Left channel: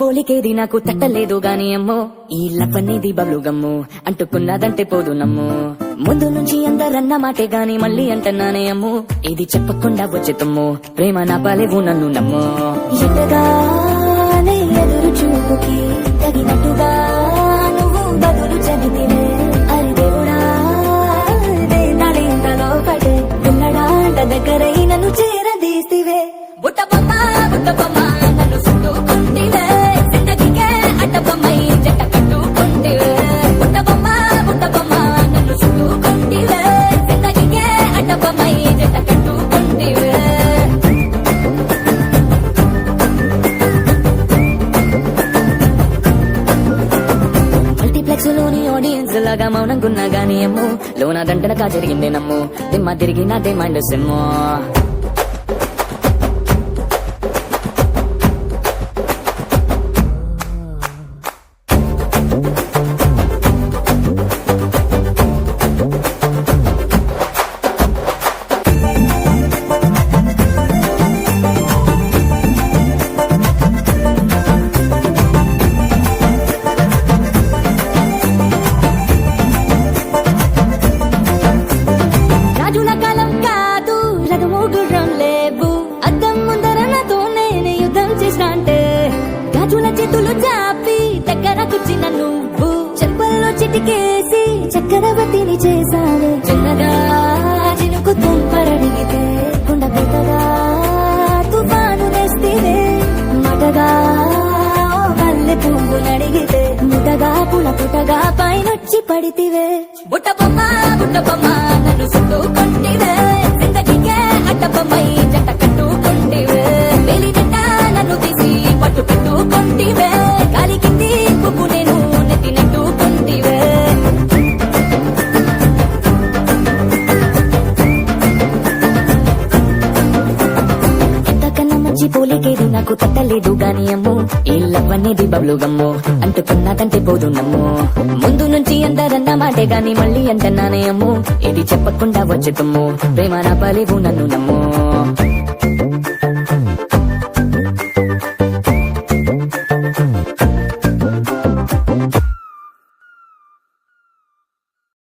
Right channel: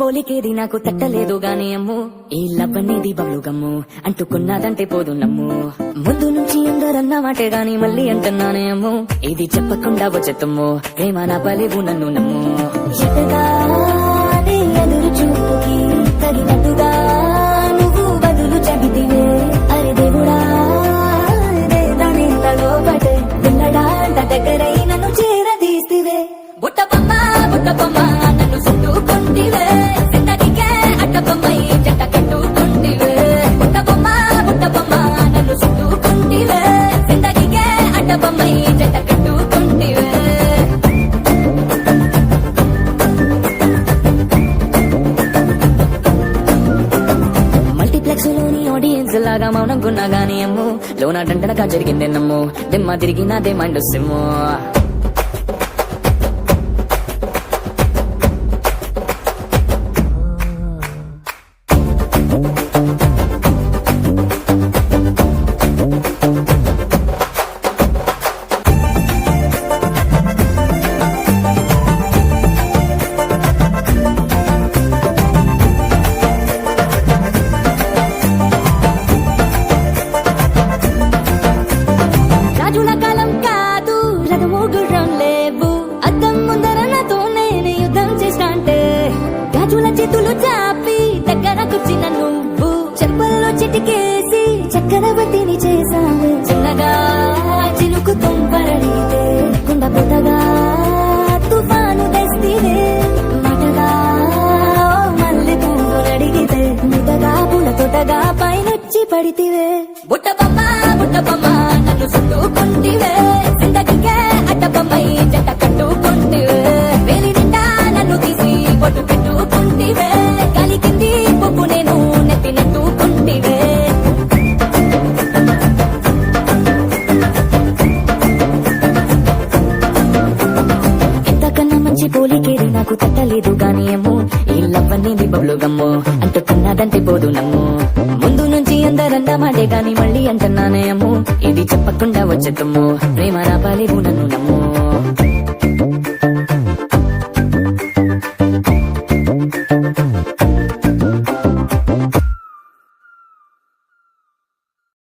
పోలికేది నాకు తట్టలేదు గాని అమ్మో ఈ లవ్ అనేది బబ్లు గమ్ము అంటుకున్నదంటే పోదు నమ్ము ముందు నుంచి అందరన్న మాటే గాని మళ్ళీ అంటున్నానే అమ్ము ఇది చెప్పకుండా వచ్చేతమ్ము ప్రేమ నా పలేవు నన్ను నమ్ము ఎంతగానే ఎదురు చూపుకి తగినట్టుగా నువ్వు బదులు చెబితివే అరే దేవుడా నాడేంతలో పడే పిల్లడాంట దగ్గరై నన్ను చేరదీస్తివే బుట్ట బొమ్మ నన్ను చుట్టుకుంటివే జిందగీకే అడ్డబొమ్మై జంట కట్టుకుంటివే బుట్ట బొమ్మ నన్ను చుట్టుకుంటివే జిందగీకే అడ్డబొమ్మై జంట కట్టుకుంటివే మల్టీప్లెక్స్ లోని ఆడియన్స్ లాగా మౌనంగున్నా గానీ ఏమో లోన దండనగా జరిగిందే నమ్ము దిమ్మ తిరిగి నాదే మైండ్ సెమ్మో రాజుల కాలం కాదు రథము గుర్రం లేవు అద్దం ముందర నాతో నేను యుద్ధం చేస్తా అంటే గాజుల చేతులు చాపి దగ్గరకొచ్చిన నువ్వు చెంపల్లో చిటికేసి చక్రవర్తిని చేసావే చిన్నగా చినుకు తుంపరడిగితే కుండ పుటగా తుఫాను తెస్తివే మటగా మల్లె పువ్వు నడిగితే ముటగా పుల తొటగా పైనొచ్చి పడితివే బుట్ట బొమ్మ నన్ను చుట్టుకుంటివే జిందగీకే అడ్డబొమ్మై జంట కట్టుకుంటివే వేలిదండ నన్ను తీసి పట్టు పెట్టుకుంటివే గాలికి తీర్పుకు నేను నెత్తినట్టుకుంటివే ఎంతకన్నా మంచి పోలికేది నాకు తట్టలేదు గానీ అమ్మో ఈ లవ్ అనేది బబ్లు గమ్ము అంటుకున్నదంటే పోదు నమ్ము ముందు నుంచి అందరన్న మాటే గాని మళ్ళీ అంటున్నానే అమ్ము ఇది చెప్పకుండా వచ్చేతమ్ము ప్రేమ నా బలిగుణ